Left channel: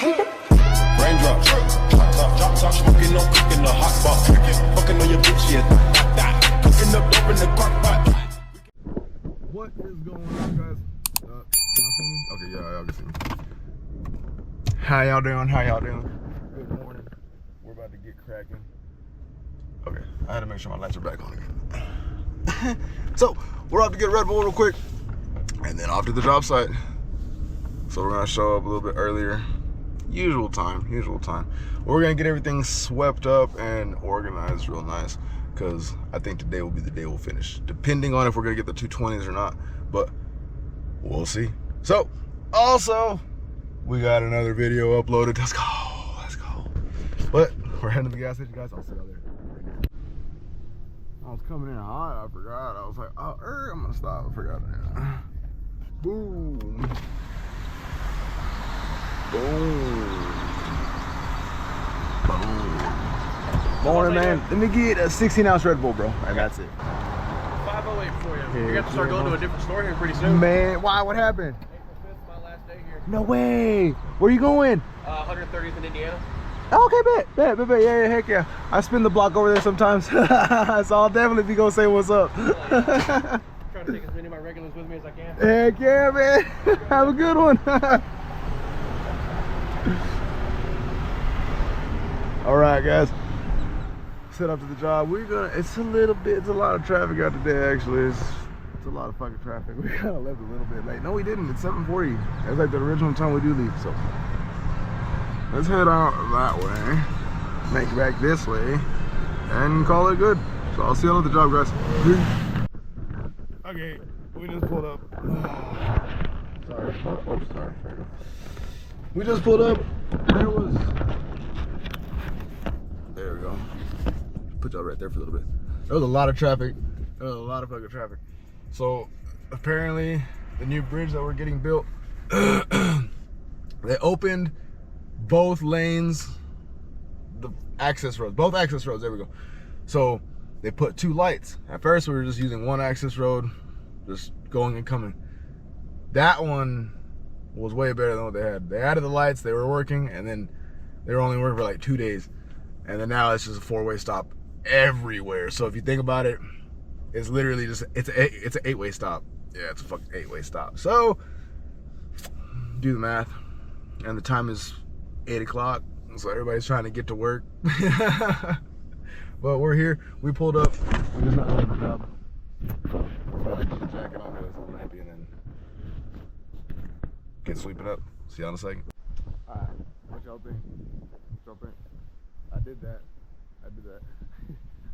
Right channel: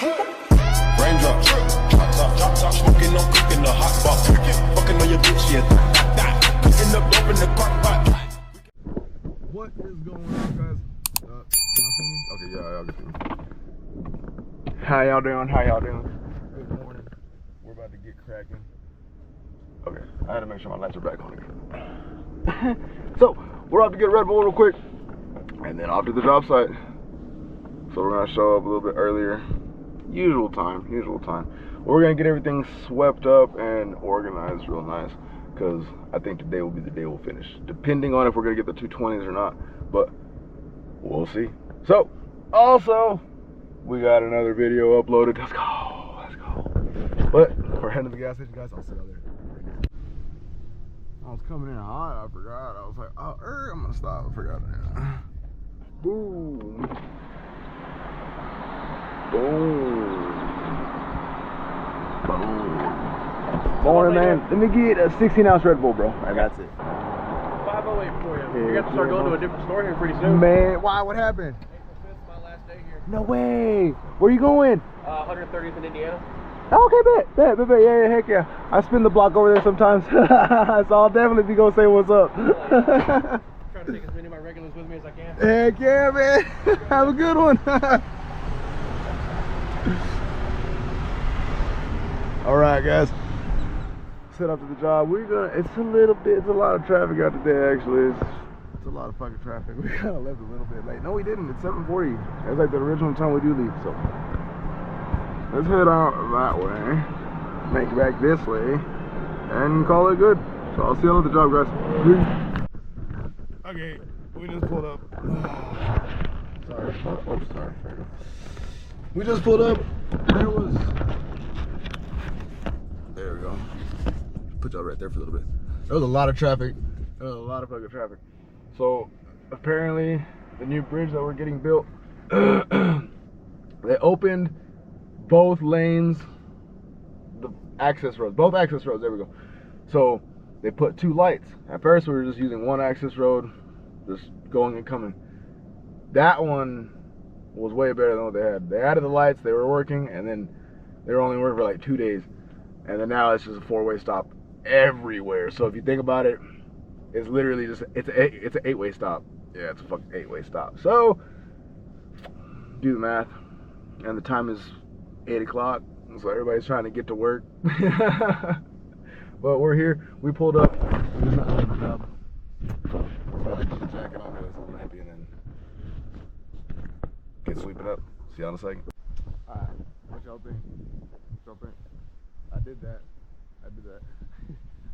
Raindrops, drop top, smoking, no cooking, the hot box. Fucking on your bitch, yeah, cooking up dope in the crock pot. What is going on, guys? Y'all see me? Okay, yeah, y'all can see me. How y'all doing? How y'all doing? Good morning. We're about to get cracking. Okay, I had to make sure my lights are back on again. So, we're off to get Red Bull real quick, and then off to the job site. So we're gonna show up a little bit earlier. Usual time. We're gonna get everything swept up and organized real nice, because I think today will be the day we'll finish, depending on if we're gonna get the 220s or not, but we'll see. So, also, we got another video uploaded. Let's go. But we're heading to the gas station, guys. I'll see y'all there. I was coming in hot, I forgot. I was like, oh, I'm gonna stop. I forgot that. Boom. Morning, man. Let me get a 16-ounce Red Bull, bro. And that's it. 508 for you. You're going to start going to a different store here pretty soon. Man, why? What happened? April 5th, my last day here. No way. Where you going? 130th in Indiana. Okay, bet. Yeah, heck yeah. I spin the block over there sometimes. So I'll definitely be going to say what's up. Trying to take as many of my regulars with me as I can. Heck yeah, man. Have a good one. All right, guys. Set up to the job. It's a lot of traffic out today, actually. It's a lot of fucking traffic. We kind of left a little bit late. No, we didn't. It's 7:40. That's like the original time we do leave, so. Let's head out that way, make it back this way, and call it good. So I'll see you at the job, guys. Okay, we just pulled up. Sorry. Oh, sorry. We just pulled up. There we go. Put y'all right there for a little bit. There was a lot of traffic. There was a lot of fucking traffic. So apparently, the new bridge that we're getting built, they opened both lanes, both access roads, there we go. So they put two lights. At first we were just using one access road, just going and coming. That one was way better than what they had. They added the lights, they were working, and then they were only working for like 2 days. And then now it's just a 4-way stop everywhere. So if you think about it, it's literally just, it's an 8-way stop. Yeah, it's a fucking 8-way stop. So do the math. And the time is 8 o'clock, so everybody's trying to get to work. But we're here. We pulled up. We just not doing the job. Put the jacket on, it's a little nappy, and then get sweeping up. See you in a second. Alright, what y'all think? I did that.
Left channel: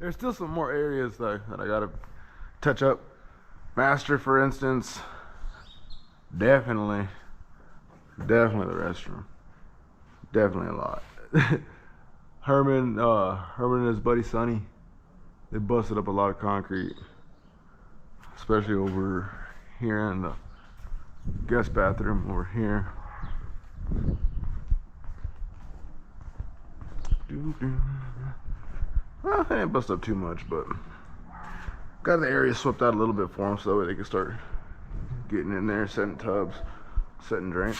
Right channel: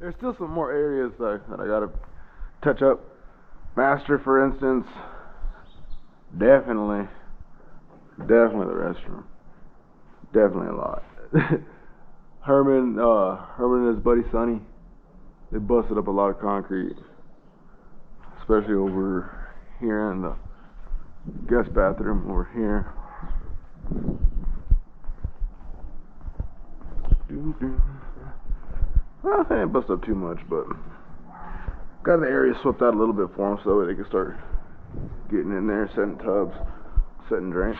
There's still some more areas though that I gotta touch up. Master, for instance, definitely the restroom. Definitely a lot. Herman and his buddy Sonny, they busted up a lot of concrete, especially over here in the guest bathroom over here. Well, they didn't bust up too much, but got the area swept out a little bit for them so that way they can start getting in there, setting tubs, setting drains.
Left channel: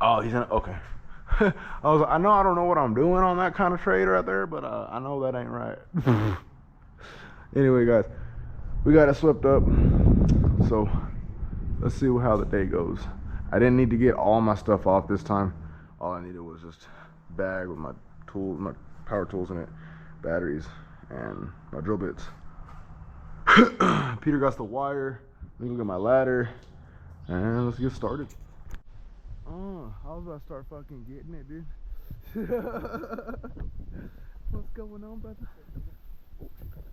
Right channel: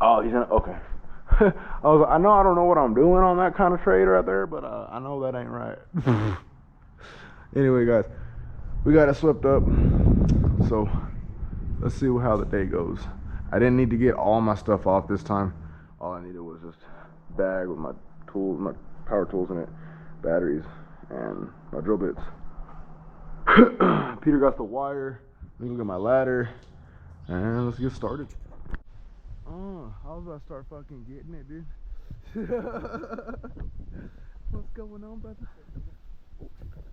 Oh, he's in, okay. I don't know what I'm doing on that kind of trade right there, but I know that ain't right. Anyway, guys, we got it swept up, so let's see how the day goes. I didn't need to get all my stuff off this time. All I needed was just a bag with my tools, my power tools in it, batteries, and my drill bits. Peter got the wire. Let me look at my ladder, and let's get started. Oh, I was about to start fucking getting it, dude. What's going on, brother?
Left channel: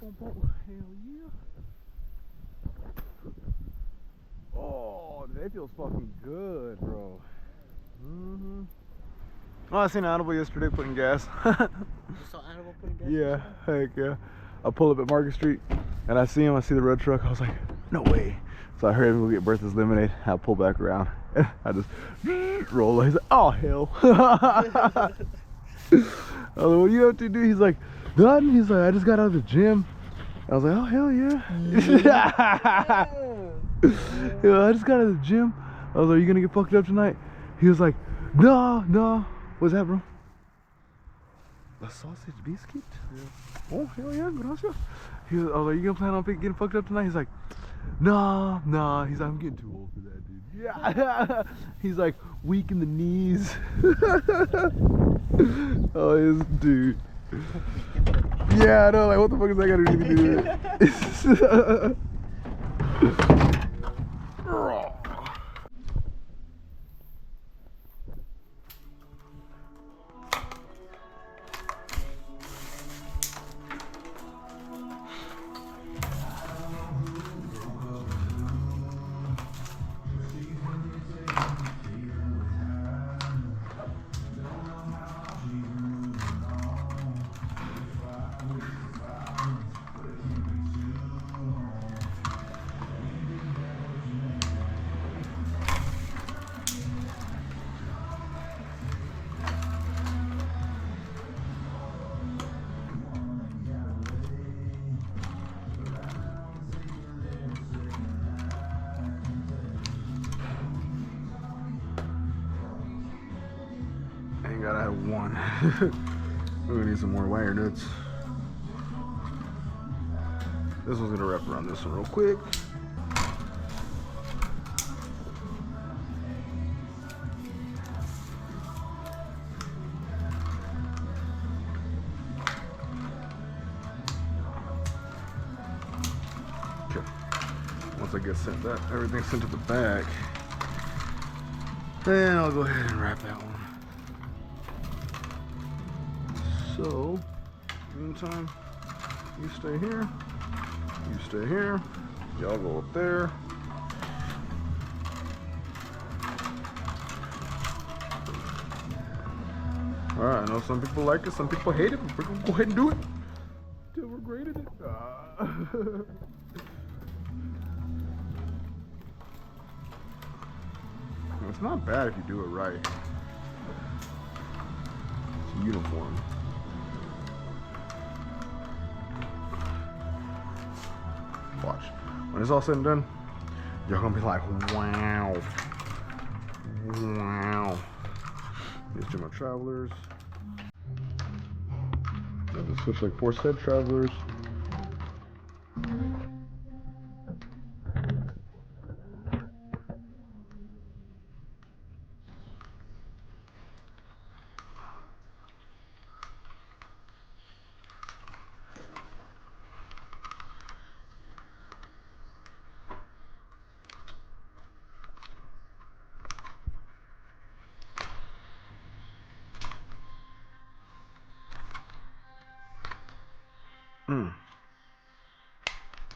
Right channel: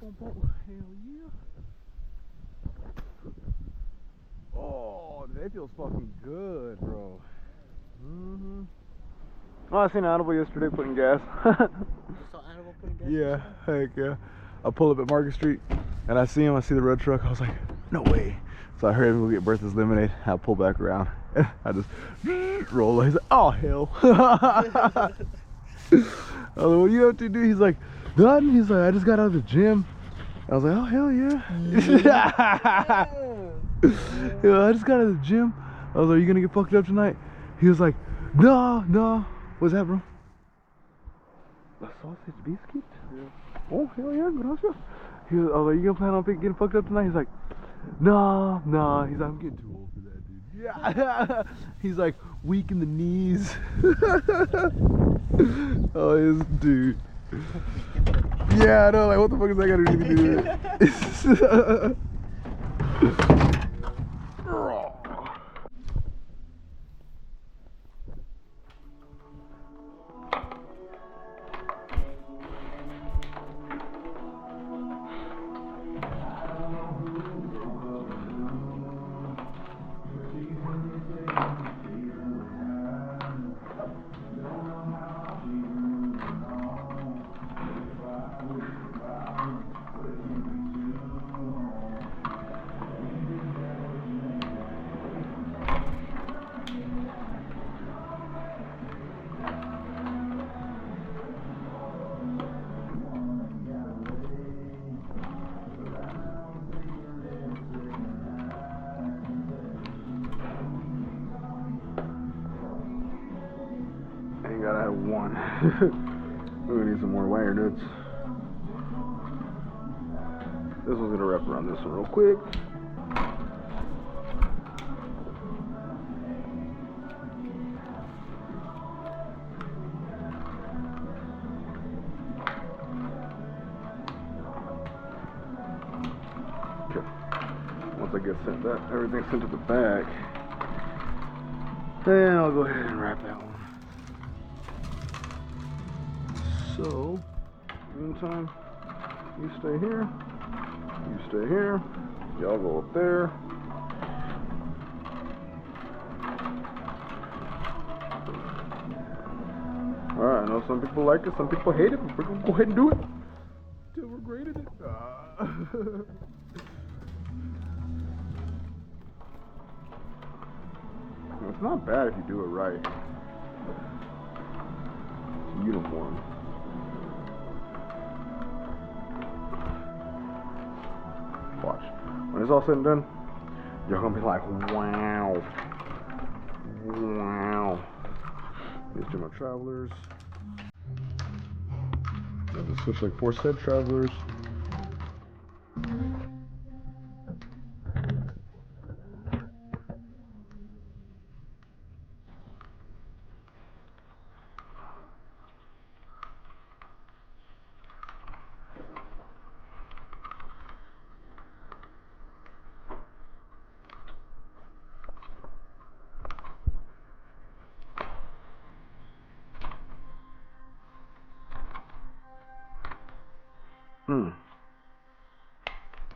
Hell yeah. Oh, that feels fucking good, bro. Oh, I seen Animal yesterday putting gas. You saw Animal putting gas? Yeah, heck yeah. I pull up at Market Street, and I see him. I see the red truck. I was like, no way. So I heard him go get Bertha's lemonade. I pull back around. I just roll. He's like, oh hell. I was like, what you have to do? He's like, nothing. He's like, I just got out of the gym. I was like, oh, hell yeah. Yeah, I just got out of the gym. I was like, are you gonna get fucked up tonight? He was like, no. What's that, bro? A sausage biscuit? Yeah. Oh, hell yeah, gracias. I was like, you gonna plan on getting fucked up tonight? He's like, nah. He's like, I'm getting too old for that, dude. Yeah. He's like, weak in the knees. Oh, this dude. Yeah, I know, like, what the fuck is that got to do with it? Ain't gotta have one. We're gonna need some more wire nuts. This one's gonna wrap around this one real quick. Okay. Once I get everything sent to the back, then I'll go ahead and wrap that one. So, meantime, you stay here, you stay here, y'all go up there. Alright, I know some people like it, some people hate it, but we're gonna go ahead and do it till we're great at it. It's not bad if you do it right. It's uniform. Watch. When it's all said and done, you're gonna be like, wow. These two more travelers. Got to switch like 4 set travelers.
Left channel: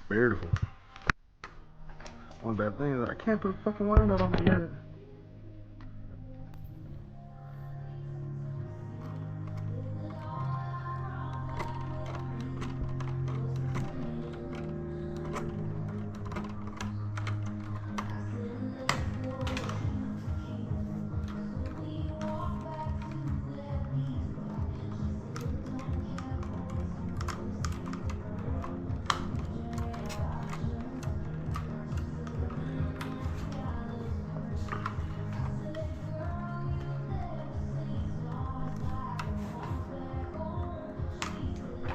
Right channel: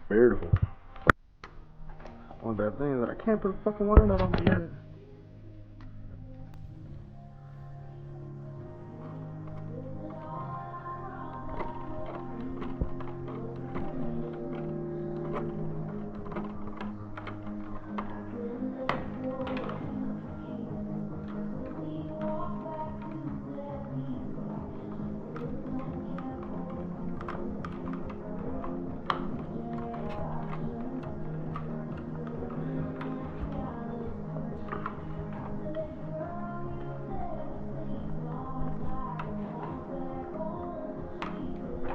Beautiful. One bad thing is that I can't put a fucking wire nut on the unit.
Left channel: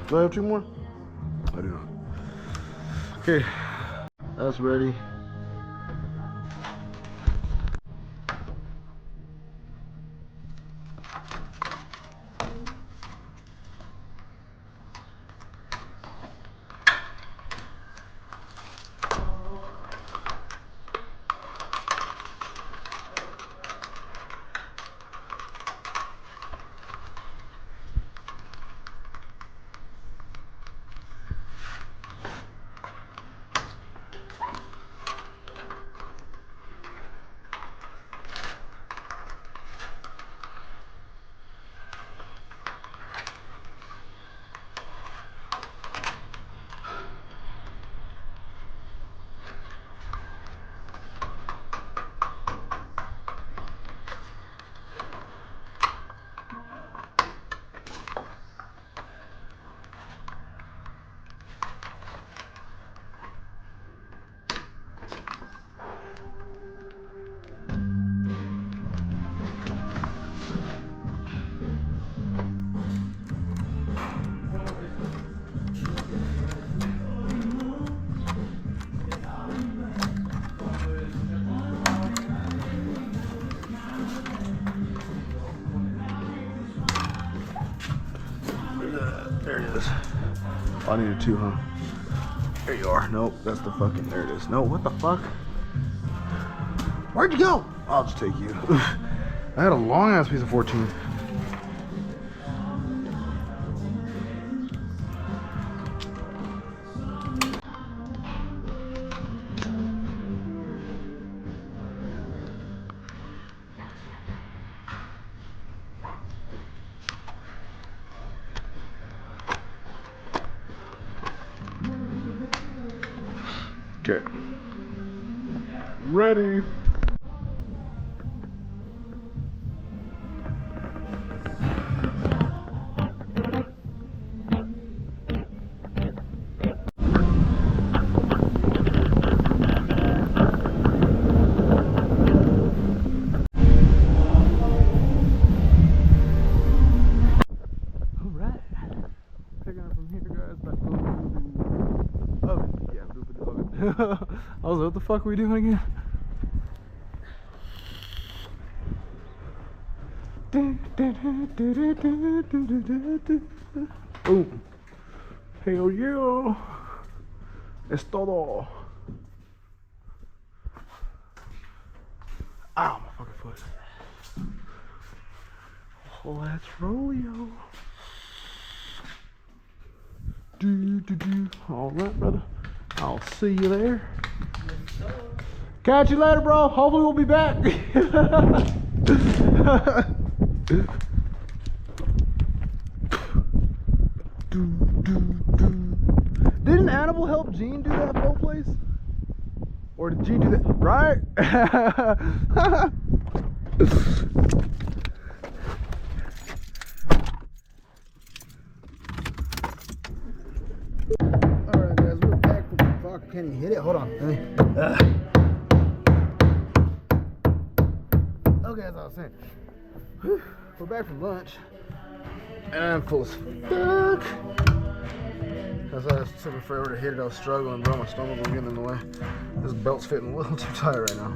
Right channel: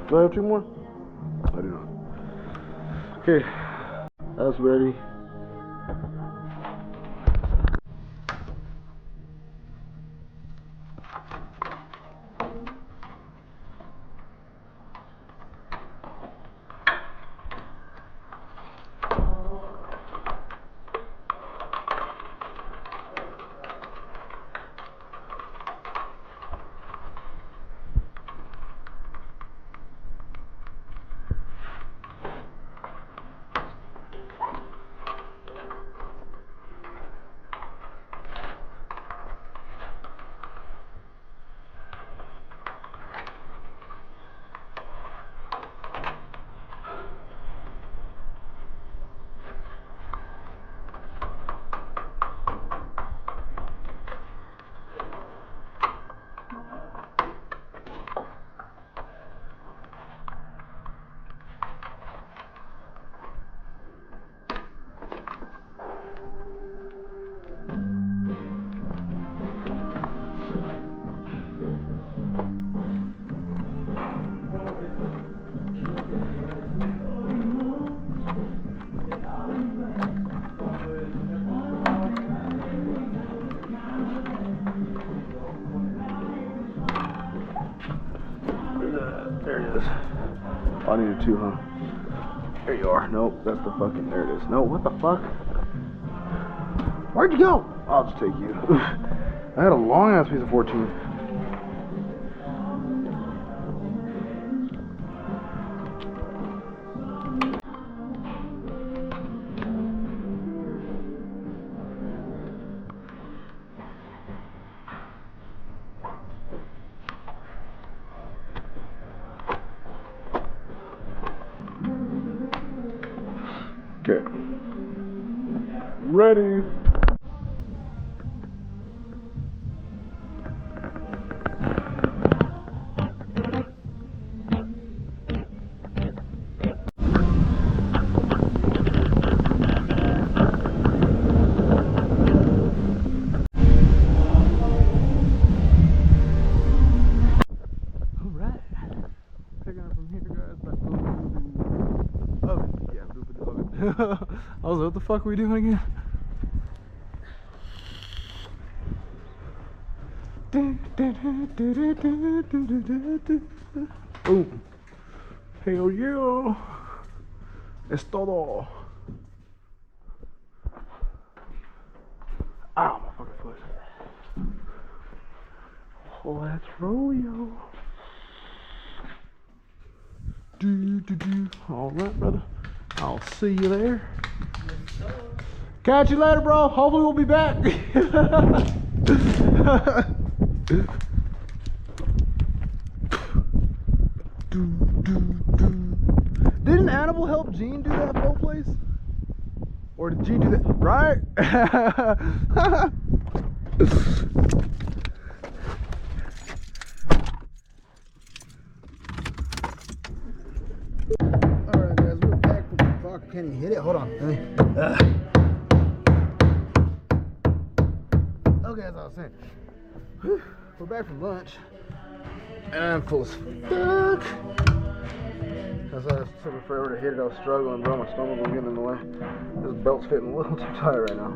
Do I have 2 more? I do not. Okay, that's ready. I needed 2, huh? There you are. Nope, that's the fucking, there it is. No, what the fuck? Where'd you go? I'll just take you. I had a long ass piece of 14. Okay. Ready. I was like, what the fuck are we doing again? Boom. Hell yeah. Es todo. Ow, my fucking foot. Let's roll, yo. All right, brother. I'll see you there. Catch you later, bro. Hopefully we'll be back. Didn't Annabelle help Gene do that whole place? Or did Gene do that? Right? Alright guys, we're back from the fuck. Can you hit it? Hold on. Okay, as I was saying. We're back from lunch. And I'm full as fuck. As I was taking forever to hit it, I was struggling, bro. My stomach was getting in the way. This belt's fitting a little too tight right now.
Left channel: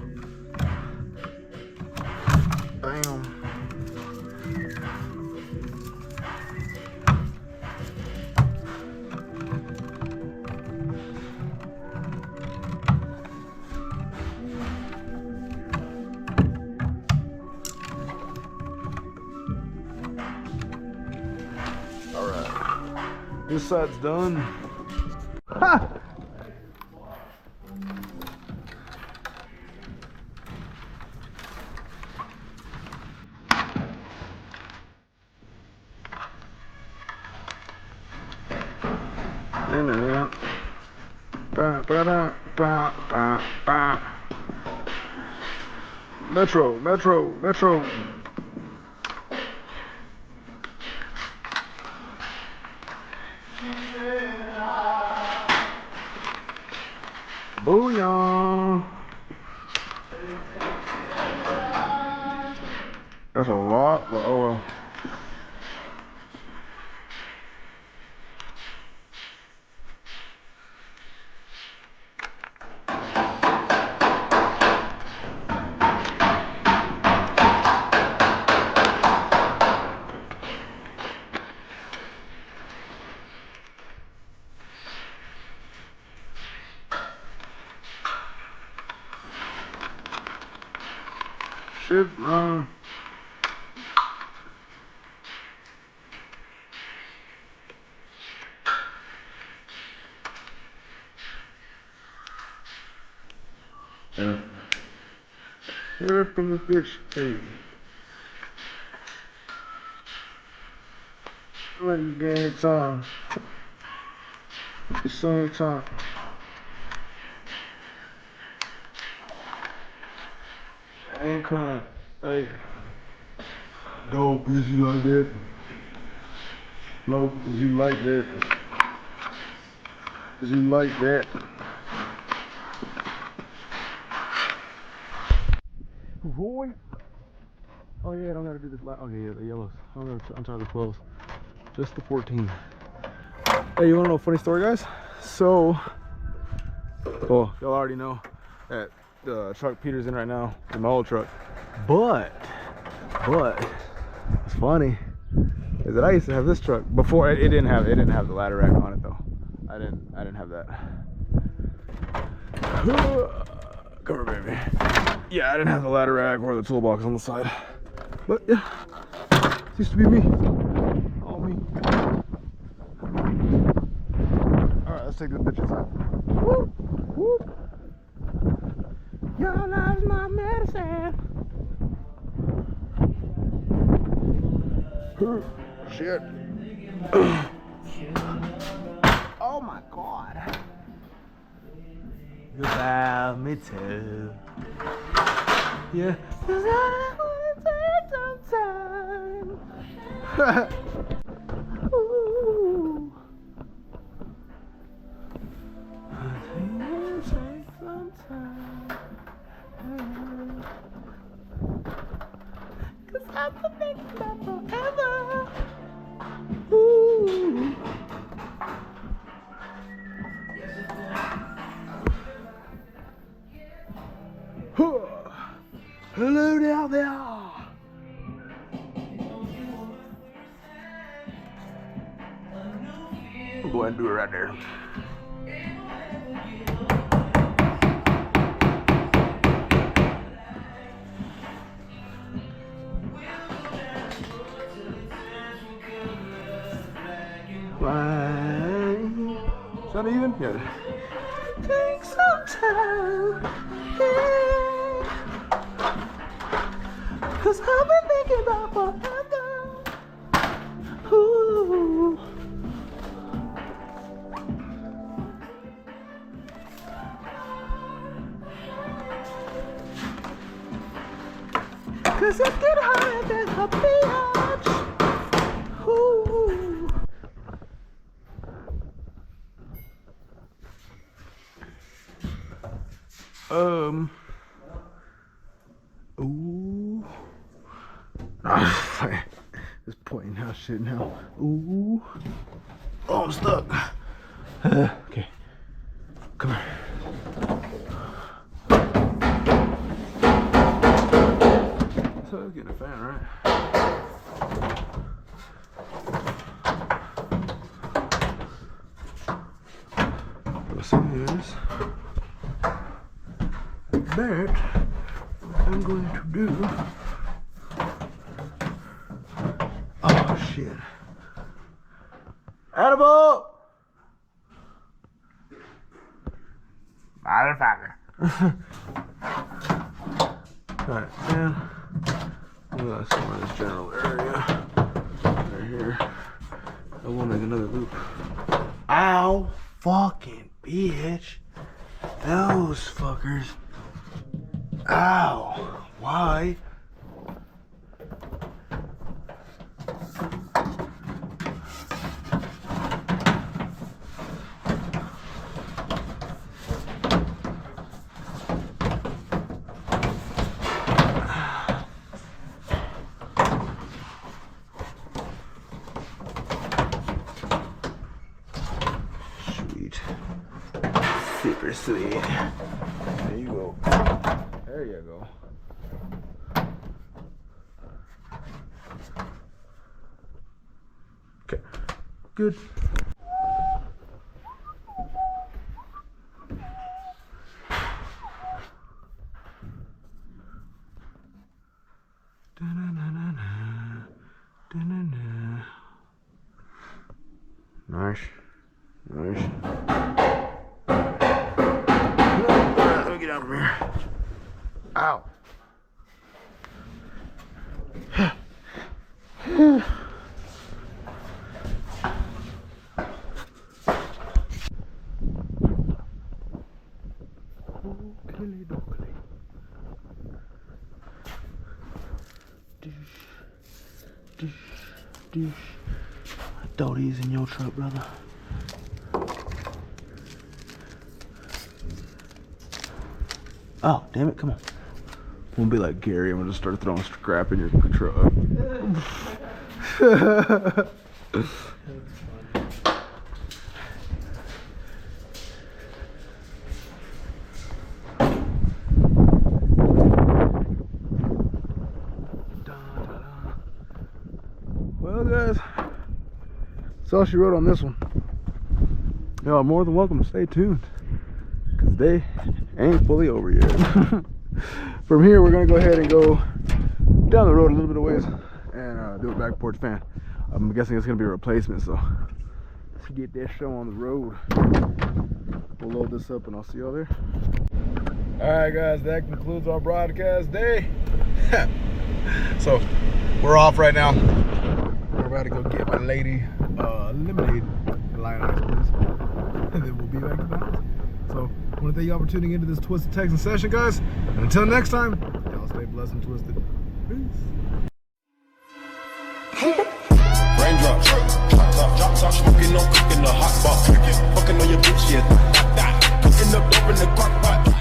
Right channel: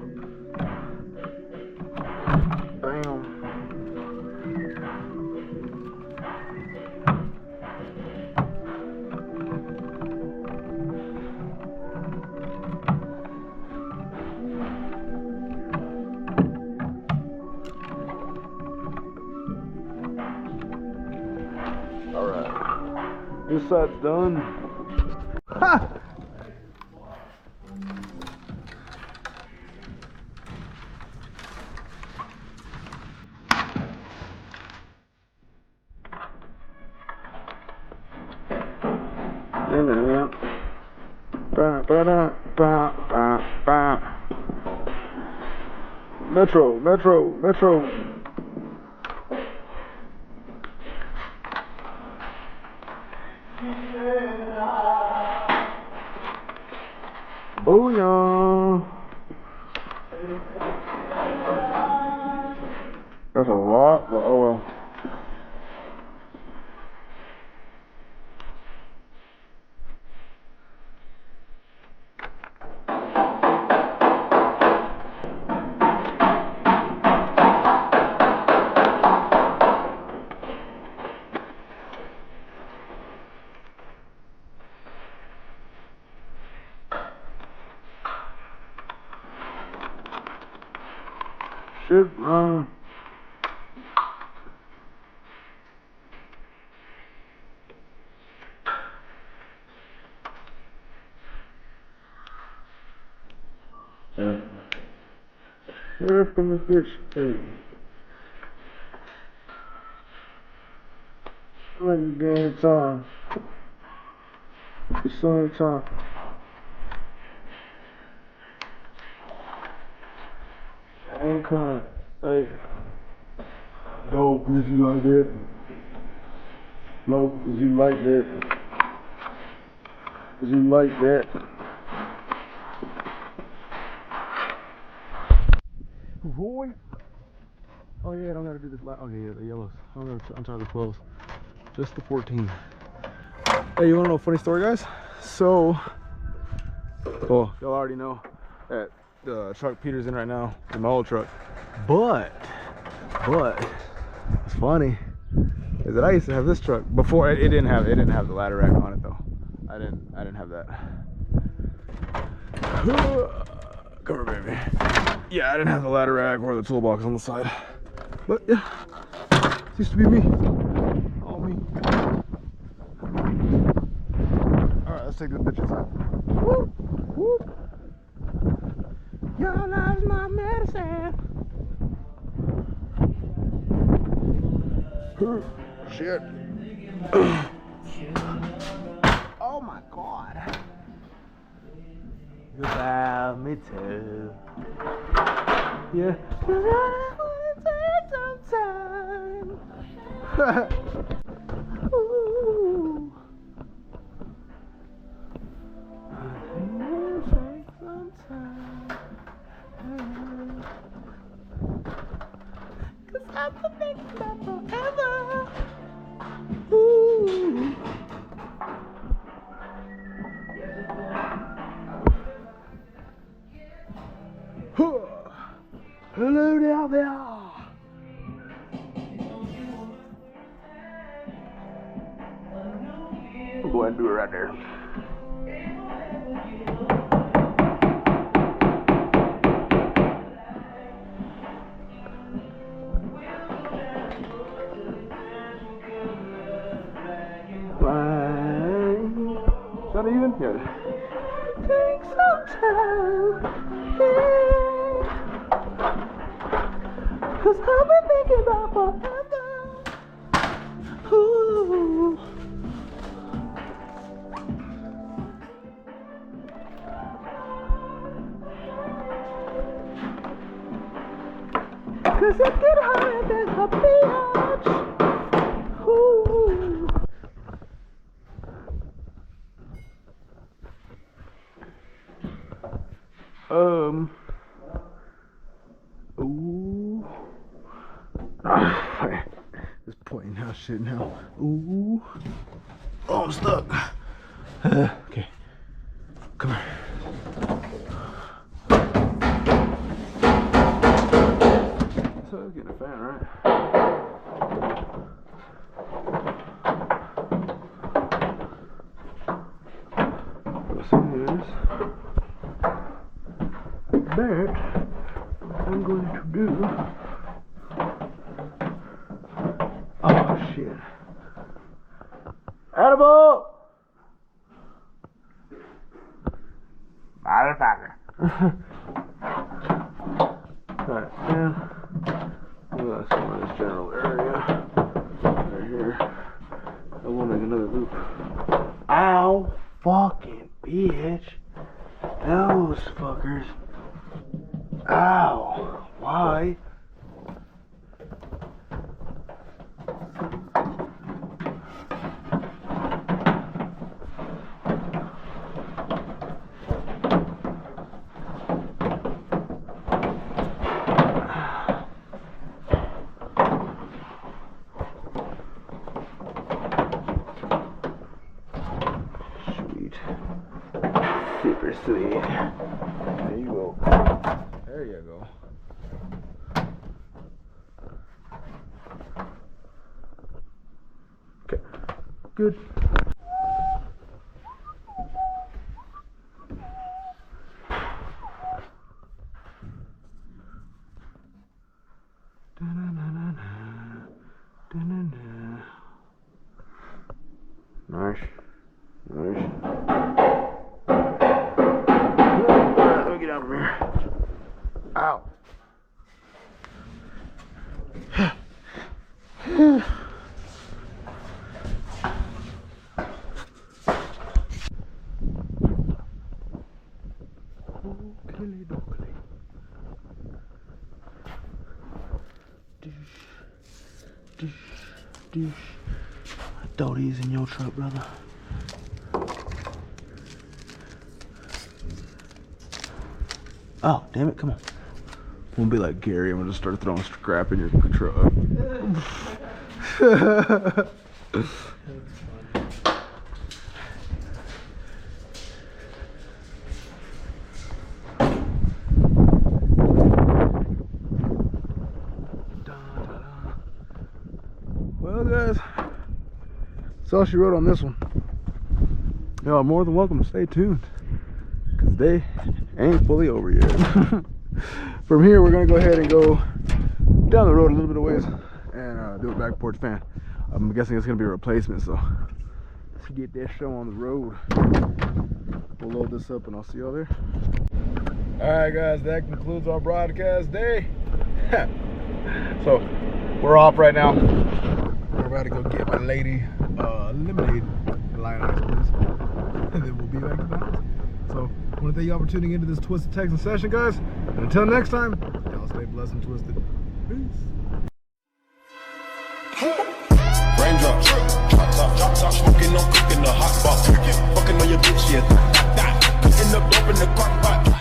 Bam. This side's done. Ha! Metro, Metro, Metro. Booyah! That's a lot, but oh well. Shit, yeah. Here from the bitch, hey. Let me get in time. It's on time. I ain't crying. Hey. Dope, is you like that? Low, is you like that? Is you like that? Boy. Oh yeah, I don't gotta do this light. Okay, yeah, the yellows. I'm trying to the 12s. Just the 14. Hey, you wanna know a funny story, guys? So, y'all already know that the truck Peter's in right now, in my old truck. But, what's funny is that I used to have this truck before. It didn't have the ladder rack on it though. I didn't have that. Come here, baby. Yeah, I didn't have the ladder rack or the toolbox on the side. But yeah, it used to be me. All me. Alright, let's take this bitch inside. Whoop, whoop. Your love's my medicine. Shit. Oh my god. You love me too. Yeah. 'Cause I wanna take some time. Ooh. I wanna take some time. 'Cause I've been thinking about forever. Ooh. Hello down there. I'll go ahead and do it right there. Fine. Is that even? Yeah. Take some time. Yeah. 'Cause I've been thinking about forever. Ooh. Cause it get higher than a bitch. Ooh. Ooh. Just pointing out shit now. Ooh. Oh, I'm stuck. Okay. Come here. So I was getting a fan, right? What's this? But I'm going to do. Oh shit. Edible! Motherfucker. Alright, man. Let's go in this general area. Right here. I will make another loop. Ow! Fucking bitch. Those fuckers. Ow! Why? Sweet. Super sweet. There you go. There you go. Okay. Good. Nice. Nice. Let me get out from here. Ow. Oakley dokley. Dish. Dish. Dish. I thought he's in your truck, brother. Oh, damn it, come on. I'm gonna be like Gary, I'm gonna just start throwing scrap in your truck. Well guys, that's all she wrote on this one. Y'all are more than welcome to stay tuned, because they ain't fully over yet. From here, we're gonna go ahead and go down the road a little bit of ways and do a back porch fan. I'm guessing it's gonna be a replacement, so let's get that show on the road. We'll load this up and I'll see y'all there. Alright guys, that concludes our broadcast day. So we're off right now. We're about to go get my lady lemonade, lion ice please, and then we'll be back to the house. So I want to thank y'all for tuning into this Twisted Texan session, guys. And until next time, y'all stay blessed and twisted. Peace. Raindrops, drop top, smoking on cooking the hot pot. Fucking on your bitch, yeah. Cooking up dope in the crock pot.